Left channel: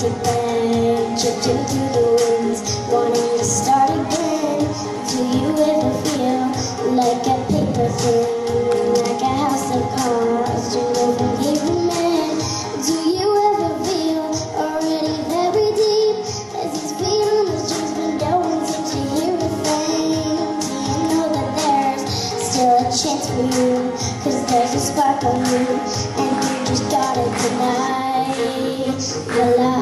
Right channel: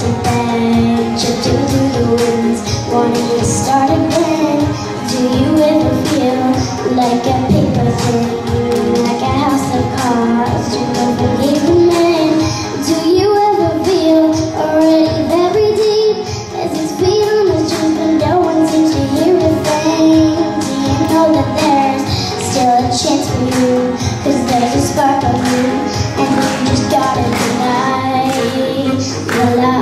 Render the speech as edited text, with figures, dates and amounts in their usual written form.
plastic bag, drifting through the winds, wanting to start again. Do you ever feel like a paper thin, like a house of cards, turned over cavemen? Do you ever feel already very deep, as it's beat on the streets, but no one seems to hear a thing? Do you know that there's still a chance for you, 'cause there's a spark on you, and you just gotta deny the light?